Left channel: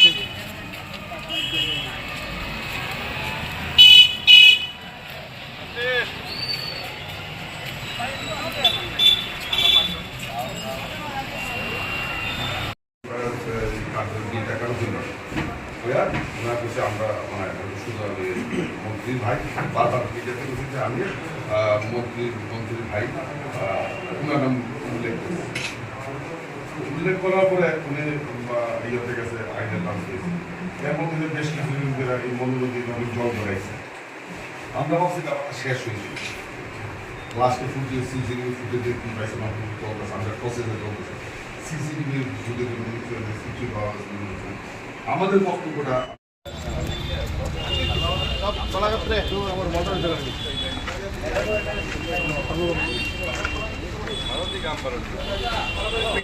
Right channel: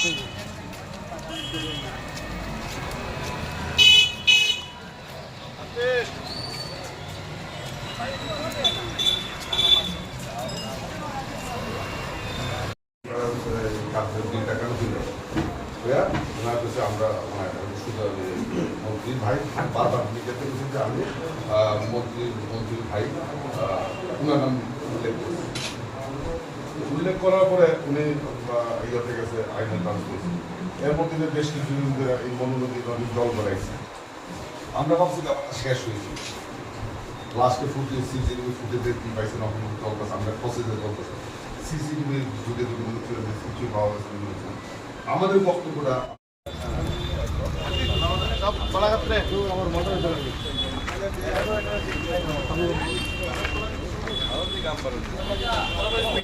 আমরা মন্ত্রীর ভাই বারবার মিডিয়াতে বলছেন যে আমি মন্ত্রীর ভাই উনার নাম উল্লেখ করার পরে উনি ইয়েতে গেছে আইনের নাম দিয়েছে। এর মধ্যে বেশ কিছু এই মনোনদী নদীর জল বাড়াইছে। আমরা ভাবছি শেষ হয়েছে, লাস্টে ফুটে সিসিটিভি ফুটেজে কি পাইছে না চলতেছে, আমরা প্রসেসে চলতেছে। সিসিটিভি ফুটেজে কিছু পাওয়া গেছে। আমাদের বক্তব্যটা আমার